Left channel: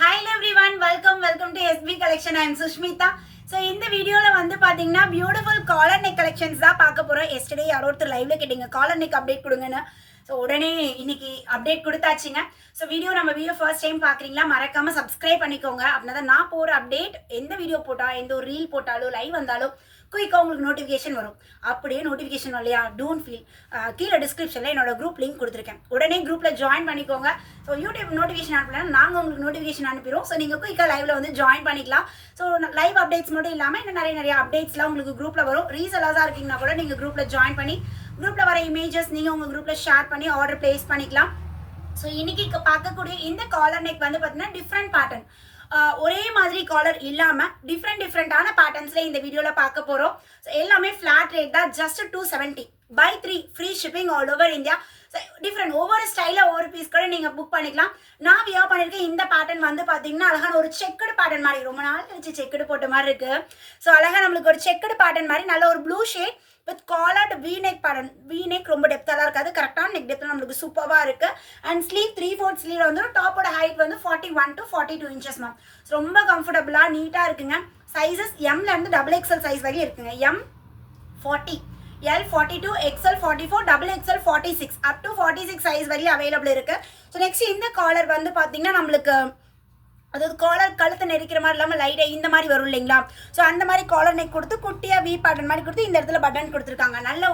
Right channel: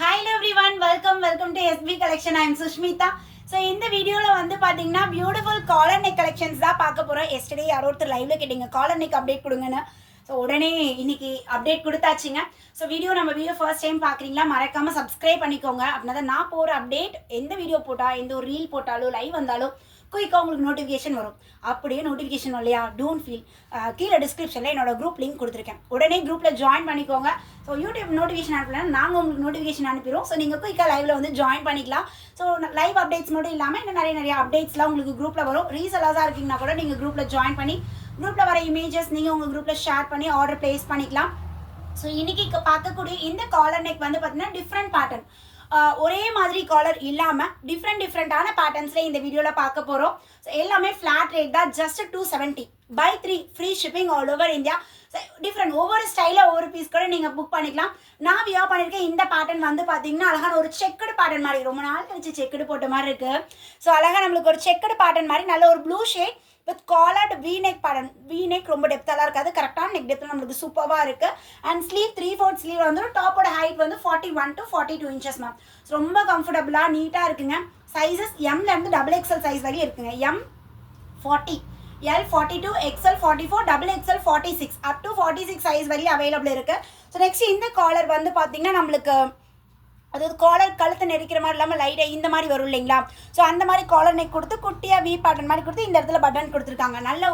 Hi everyone, welcome to SB Collection. I am Sushmita. So இந்த வீடியோல வந்து பாத்தீங்கன்னா பியூட்டிஃபுல் காலர் நெக் கலெக்ஷன்ஸ் தான் பார்க்க போறோம். எஸ்டர்டே யாரோ ஒருத்தர் லைவ்ல கேட்டீங்க காலர் நெக் அப்டேட் கொடுங்கன்னு. ஸோ உடனே இன்னைக்கு அப்டேட் கொடுத்தாச்சுங்க. ஸோ நம்ம வீடியோ ஃபர்ஸ்ட் டைம் பார்க்குறீங்களா மறக்காம சப்ஸ்கிரைப் பண்ணிக்கோங்க. அப்படின்னா தான் நான் போகிற அப்டேட் எந்த வீடியோ போட்டால் எந்த ஒரு ரீல் போட்டாலும் லைவ் வந்தாலும் குயிக்காக உங்களுக்கு நோட்டிஃபிகேஷன் வரும். அப்படியே நோட்டிஃபிகேஷன் இல்லையா டோன்ட் ஃபீல், கீழே டிஸ்கிரிப்ஷனில் என்னோட குரூப் லிங்க் கொடுத்துருக்கேன். உடனே குரூப்பில் ஜாயின் பண்ணிக்கோங்க. ஸோ யூடியூப் நோட்டிஃபிகேஷன் அனுப்பலாம், நாங்கள் உங்களுக்கு நோட்டிஃபிகேஷன் அனுப்பிடுவோம். ஸோ நீங்கள் குயிக்காக லைவில் வந்து ஜாயின் பண்ணிக்கலாம். ஸோ லைவ் அப்டேட்ஸ் மட்டும் இல்லாமல் இன்னும் நிறைய அப்டேட்ஸ்லாம் உங்களுக்கு குரூப்பில் வரும். ரீசெல்லர்ஸாக இருக்கீங்கன்னா கூட நீங்கள் குரூப்பில் ஜாயின் பண்ணி குரூப்பில் வர இமேஜஸ் நீங்கள் உங்கள் குரூப்பில் ஷேர் பண்ணி ஆர்டர் ப்ளேஸ் பண்ணிக்கலாம். ஸோ இன்னைக்கு பார்க்கக்கூடிய இந்த காலர் நெக் வந்து பார்த்தீங்கன்னா டிஃப்ரெண்ட் பேட்டர்ன், ஒரே மாதிரி காலர் இல்லாமல் டிஃப்ரெண்டான பேட்டர்ன்ஸில் இந்த வீடியோவில் பார்க்க போகிறோம். ஸோ எல்லாமே ஃப்ளாட் ரேட் தான், just 270 by 3 free shipping all over India. Different ஒவ்வொரு ஸ்டைலில் ஒவ்வொரு பீஸ் கூட நீங்கள் புக் பண்ணிக்கலாம். நான் வியர் பண்ணியிருக்கேன் இந்த பேட்டர்ன் வந்து பார்த்தீங்கன்னா அழகான ஒரு செக்குடு பேட்டர்ன் மாதிரி, ரொம்ப நாள் கழிச்சு செக்குடு போட்ட மாதிரி இருக்குது. ஸோ அழகாக நம்மளுக்கு ஒரு செக்குடு பேட்டர்ன் மாதிரி நல்ல ஒரு blue shade with collared V-neck pattern. V-neck ரொம்ப டெப்த்தாலாம் இருக்காது, கரெக்டான நெக் டெப்த்தில் நம்மளுக்கு சூப்பராக இருக்குது. அண்ட் ஸ்லீவ் 3/4 ஸ்லீவ் வந்து டாப்போட ஹைட் வந்து 41 to 42 inches மேம். ரொம்ப கம்ஃபர்டபுளாக நீட்டாக இருக்குங்க. சைஸஸ் எம்லேருந்து XXL சைஸ் வரையும் இருக்குங்க. M 40, L 42, XL 44, XXL 46 up to 46 size வரையும் அவைலபிள் இருக்குது. ஸோ நெக்ஸ்ட் இந்த காலர் வந்து பார்த்தீங்கன்னா நம்மளுக்கு அதாவது காலர் கழுத்தை நெரிக்கிற மாதிரி இல்லாமல் லைட்டாக இந்த மாதிரி வரும் இல்லைங்களா. ஸோ அந்த மாதிரி காலர் நெக் கொடுத்து குட்டியாக V பேட்டர்ன் மாதிரி கொடுத்து இந்த இடத்துல பட்டன் கொடுத்துருக்காங்க. நல்ல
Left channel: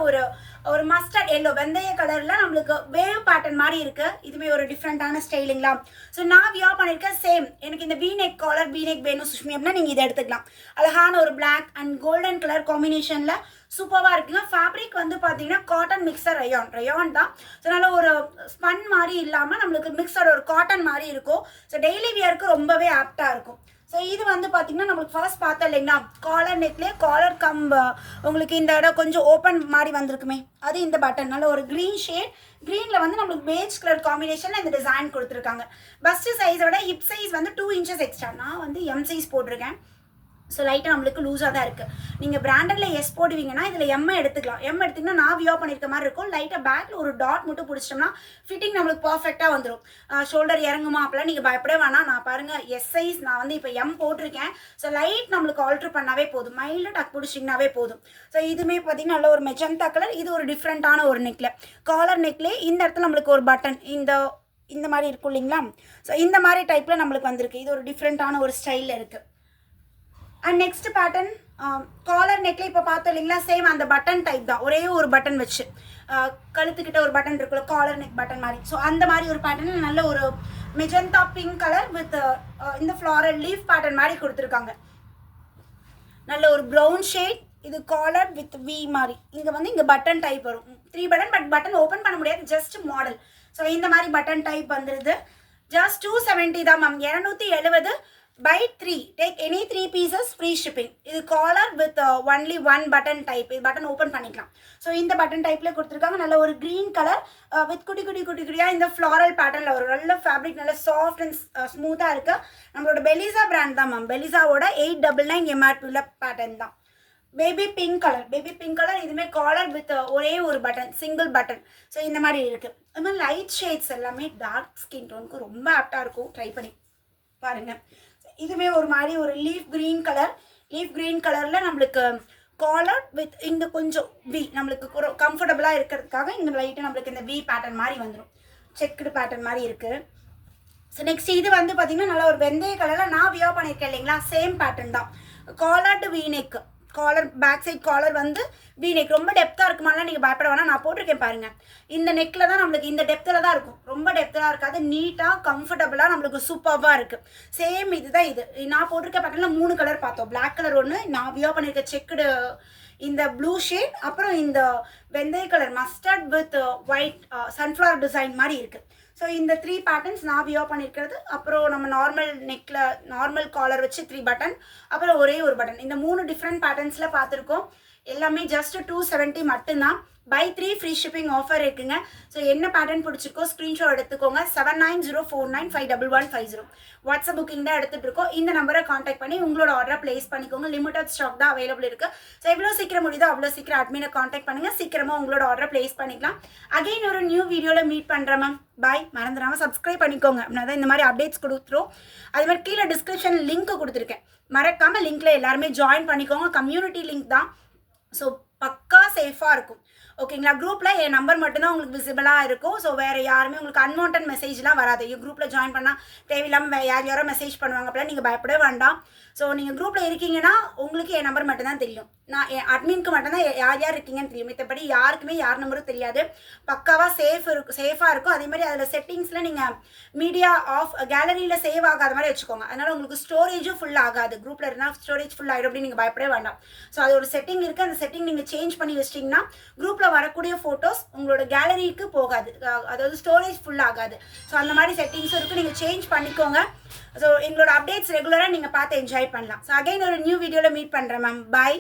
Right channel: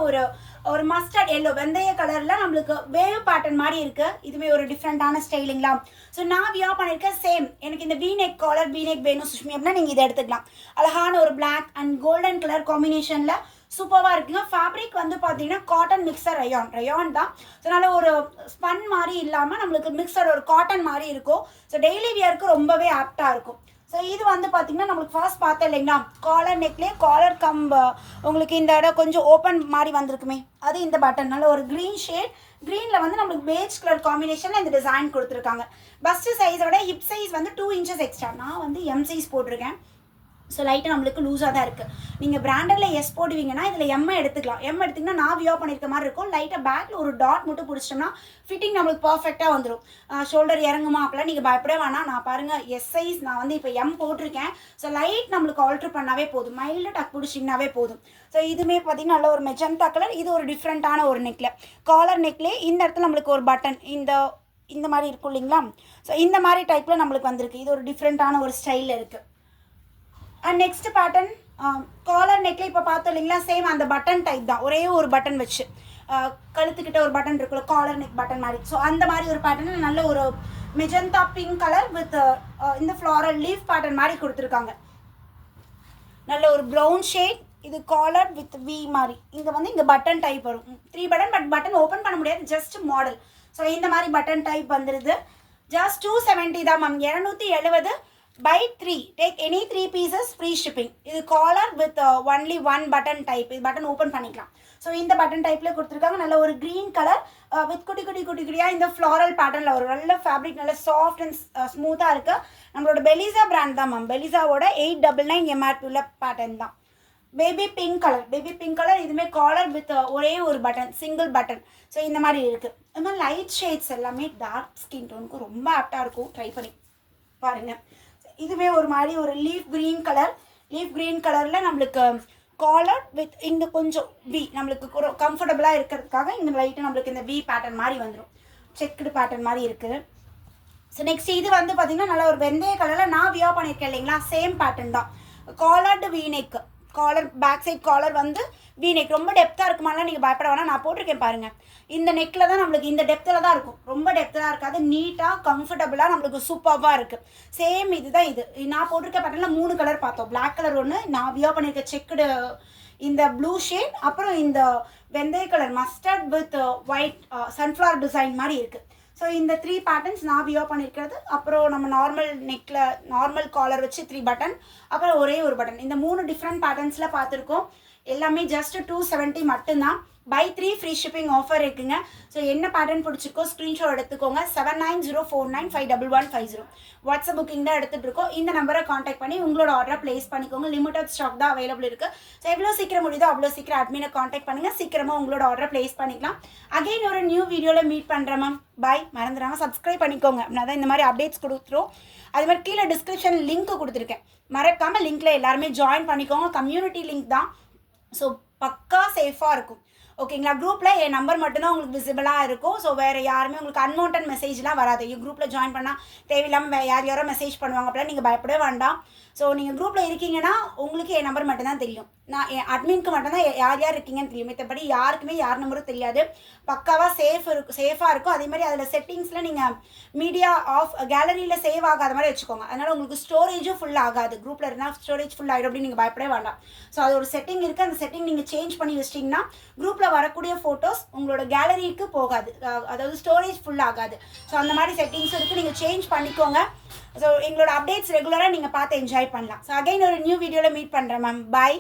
ஒரு மஸ்டர்ட் எல்லோ வெந்தய கலரில் நம்மளுக்கு வேவ் பேட்டர்ன் மாதிரி இருக்குது. இதுவே ஒரு டிஃப்ரெண்ட்டான ஸ்டைலுங்களா. ஸோ நான் வியர் பண்ணியிருக்கேன் சேம். எனக்கு இந்த V-neck காலர் V-neck வேணும் சுஷ்மி அப்படின்னா நீங்கள் இதை எடுத்துக்கலாம். அழகான ஒரு பிளாக் அண்ட் கோல்டன் கலர் காம்பினேஷனில் சூப்பராக இருக்குங்க. ஃபேப்ரிக் வந்து பார்த்தீங்கன்னா காட்டன் மிக்சர் ரயான் தான். ஸோ நல்ல ஒரு ஸ்பன் மாதிரி இல்லாமல் நம்மளுக்கு மிக்சர் ஒரு காட்டன் மாதிரி இருக்கும். ஸோ டெய்லி வியருக்கு ரொம்பவே ஆப்டாக இருக்கும். ஸோ இது வந்து பார்த்தீங்கன்னா நம்மளுக்கு ஃபர்ஸ்ட் பார்த்தோம் இல்லைங்களா, காலர் நெக்லேயே காலர் கம்பு உங்களுக்கு இந்த இடம் கொஞ்சம் ஓப்பன் மாதிரி வந்திருக்குமே, அது இந்த பட்டன் நல்ல ஒரு க்ரீன் ஷேட். க்ரீனில் வந்து நம்மளுக்கு பேஜ் கலர் காம்பினேஷனில் இந்த டிசைன் கொடுத்துருக்காங்க. பஸ்ட்டு சைஸோட ஹிப் சைஸ் வந்து 2 inches எக்ஸ்ட்ரா. நான் வந்து M சைஸ் போட்டிருக்கேன். ஸோ லைட்டாக நம்மளுக்கு லூஸாக தான் இருக்குது. நீங்கள் பிராண்டடில் எஸ் போடுவீங்கன்னா இதில் M எடுத்துக்கலாம். M எடுத்திங்கன்னா நான் வியர் பண்ணியிருக்க மாதிரி இருக்கும். லைட்டாக பேக்கில் ஒரு டாட் மட்டும் பிடிச்சிட்டோம்னா ஃபிட்டிங் நம்மளுக்கு பர்ஃபெக்டாக வந்துடும். ஷோல்டர் இறங்குமா அப்படிலாம் நீங்கள் பயப்படவே வேணாம். நான் பாருங்கள் எஸ் சைஸ் நான் வந்து இப்போ M போட்டிருக்கேன். ஸோ லைட் நம்மளுக்கு ஆல்ட்ரு பண்ணாவே போதும், மைல்டு டக் பிடிச்சிங்கனாவே போதும். ஸோ இதுவுமே பார்த்தீங்கன்னா நல்ல ஒரு மெஜந்தா கலர். இது ஒரு டிஃப்ரெண்ட்டான ஒரு நெக்கில் காலர் நெக்லேயே இந்த இடத்துல நம்மளுக்கு ஒரு பட்டன் இந்த மாதிரி இருக்கும் இல்லைங்களா. ஸோ இந்த மாதிரி டைப்பில் நம்மளுக்கு வந்திருக்கு. இது ஒரு டிஃப்ரெண்ட்டான ஒரு ஸ்டைலில் இருக்குது. அண்ட் நெக்ஸ்ட் பேட்டர்ன் காலர் நெக்ல இப்போ பார்த்தோம் இல்லைங்களா, சேம் அந்த பட்டன் டைப் தான், ஒரே ஒரு பட்டன் வச்சு கழுத்துக்கிட்ட ஒரு பட்டன் இருக்குல்ல காலர் நெக் பட்டன் மாதிரி. ஸோ அந்த மாதிரி ஒரு பேட்டர்ன் நல்ல ஒரு மெஜந்தா பிங்க் கலர் வித் இந்த ஃப்ளாரல் லீஃப் பேட்டர்ன் மாதிரி கொடுத்துருக்காங்க. நல்ல ஒரு ப்ரௌன் ஷேட். இது காலர் வித் V மாதிரி. இங்கே பட்டன் டைப் வரும் 3 பட்டன். பட் பட்டன் ஓப்பன் பண்ண முடியாது, ஜஸ்ட் மாடல். ஸோ இந்த மாதிரி பட்டன் டைப் வந்துடுது. ஜஸ்ட் 270 தான் ma'am. 270 by 3. Take any 3 pieces free shipping. இது collar with only 1 button type. இது பட்டன் ஓப்பன் பண்ணிக்கலாம். ஸோ இந்த பட்டன் டைப்பில் கொடுத்துருக்காங்க. நல்ல ஒரு க்ரீன் கலர் வித் குட்டியாக இந்த ஃப்ளாரல் பேட்டர்னில் ஒரு நல்ல ஃபேப்ரிக், நல்ல சாஃப்ட் அண்ட் ஸ்மூத்தாக இருக்குது. நம்மளோட பெலிசா பிராண்ட் தான் மேம். பெலிசாவோட 899 MRP பேட்டர்ன் தான். Baby pink colour. இதுவுமே காலர் வித் ஒரே ஒரு பட்டன், சிங்கிள் பட்டன். ஸோ இந்த மாதிரி இருக்குது. அது மாதிரி லைட் ஷேட்ஸ் எல்லாமே டார்க் ஸ்கின் டோனுக்கு ரொம்ப ஆப்டாக இருக்கும். ட்ரை பண்ணி பாருங்கள். இதுவே ஒரு மாதிரி ஒரு லீஃப் க்ரீன் கலரில் நம்மளுக்கு காலர் வித் இங்கே கொஞ்சம் V நம்மளுக்கு கம்ஃபர்டபுளாக இருக்கிறதுக்காக இங்கே லைட்டு நம்மளுக்கு இந்த V பேட்டர்ன் மாதிரி வந்துடும். செக்குடு பேட்டர்ன் மாதிரி இருக்குது. ஸோ நெக்ஸ்ட் இது வந்து பார்த்திங்கன்னா நல்லா ஒரு வெந்தய கலரில் நான் வியர் பண்ணியிருக்கேன் இல்லைங்களா, சேம் பேட்டர்ன் தான். Collared V-neck, collar back side collar வந்து V-neck ரொம்ப டெப்த்தாக இருக்குமாலாம் நீங்கள் பயப்பட வேணாம். நான் போட்டிருக்கேன் பாருங்கள். இந்த நெக்கில் தான் நம்மளுக்கு இந்த டெப்த்தில் தான் இருக்கும். ரொம்ப டெப்த்தாக இருக்காது, நீட்டாக கம்ஃபர்டபுளாக நம்மளுக்கு சூப்பராக இருக்குது. சேம் இதுதான். இது நான் போட்டிருக்க பேட்டர்னில் 3 கலர் பார்த்தோம். பிளாக் கலர் ஒன்று, நான் வியர் பண்ணியிருக்க செக்குடு இந்த ப்ளூ ஷேட், அப்புறம் இந்த வெந்தய colour mustard with white sunflower design மாதிரி இருக்குது. ஸோ இந்த 3 பேட்டர்ன்ஸ் நான் வியர் பண்ணியிருக்கிறது. அப்புறம் நம்ம நார்மல் நெக்கில் நார்மல் காலர் வச்சு 3 பட்டன், அப்புறம் ஒரே ஒரு பட்டன். இந்த 3 டிஃப்ரெண்ட் பேட்டர்ன்ஸில் பார்த்துருக்கோம். எல்லாமே ஜஸ்ட் 270 மட்டும்தான். பை 3 ஃப்ரீ ஷிப்பிங் ஆஃபர் இருக்குங்க. ஸோ என்ன பேட்டர்ன் பிடிச்சிருக்கோ ஸ்க்ரீன்ஷாட் எடுத்துக்கோங்க. 7904951150 வாட்ஸ்அப் புக்கிங் தான் எடுத்துகிட்டு இருக்கோம். இந்த நம்பரை காண்டாக்ட் பண்ணி உங்களோட ஆர்டரை ப்ளேஸ் பண்ணிக்கோங்க. லிமிட்டட் ஸ்டாக் தான் அவைலபிள் இருக்குது. ஸோ எவ்வளோ சீக்கிரம் முடியுதோ அவ்வளோ சீக்கிரம் அட்மினை காண்டாக்ட் பண்ணுங்கள். சீக்கிரமாக உங்களோட ஆர்டரை ப்ளேஸ் பண்ணிக்கலாம். அகைன் ஒரு நியூ வீடியோவில் மீட் பண்ணுறேன் மேம். பாய். மறந்துடாமல் சப்ஸ்கிரைப் பண்ணிக்கோங்க. நான் தான் இந்த மாதிரி அப்டேட்ஸ் கொடுத்துரும். அது மாதிரி கீழே டிஸ்கிரிப்ஷன் லிங்க் கொடுத்துருக்கேன். மறக்காமல் லிங்க்கில் எல்லாருமே ஜாயின் பண்ணிக்கோங்க. கம்யூனிட்டி லிங்க் தான். ஸோ பக்கா சேஃபாக இருக்கும். ஓகேங்களா? குரூப்பில் என் நம்பர் மட்டும்தான் உங்களுக்கு விசிபிளாக இருக்கும். ஸோ வேறு யாருமே உங்களுக்கு அன்வான்ட் மெசேஜ்லாம் வராது. குரூப்பில் ஜாயின் பண்ணால் தேவையில்லாமல் யாரோ மெசேஜ் பண்ணுவாங்க. அப்படிலாம் நீங்கள் பயப்படவே வேண்டாம். ஸோ நீங்கள் குரூப்பில் இருக்கீங்கன்னா உங்களுக்கு என் நம்பர் மட்டும்தான் தெரியும். நான் என் அட்மினுக்கு மட்டும்தான் யார் யார் இருக்கீங்கன்னு தெரியும். மற்றபடி யாருக்குமே யார் நம்பரும் தெரியாது. பக்காவாக சேஃபாக இருக்கும். அதே மாதிரி அதில் செட்டிங்ஸில் நீங்கள் மீடியா ஆஃப் கேலரியில் சேவ் ஆகாத மாதிரி வச்சுக்கோங்க. அதனால் உங்களுக்கு ஸ்டோரேஜும் ஃபுல் ஆகாது. குரூப்பில் இருந்தால் ஸ்டோரேஜ் ஃபுல் ஆகிடும் அப்படின்னு நீங்கள் பயப்படவே வேண்டாம். ஸோ அது ஒரு செட்டிங் இருக்குது. அந்த செட்டிங் நீங்கள் சேஞ்ச் பண்ணி வச்சிட்டிங்கன்னா குரூப்பில் வரக்கூடிய ஃபோட்டோஸ் உங்களோட கேலரிக்கு போகாது. அதாவது ஸ்டோரேஜ் ஃபுல் ஆகாது. ஸோ அந்த மாதிரி செட்டிங்ஸும் இருக்குது. நீங்கள் சேஞ்ச் பண்ணிக்கோங்க. ஸோ எங்களோட அப்டேட்ஸ் ரெகுலராக நீங்கள் பார்த்து என்ஜாய் பண்ணலாம். ஸோ அகைன் ஒரு நியூ வீடியோவில் மீட் பண்ணுறேன் மேம். பாய்.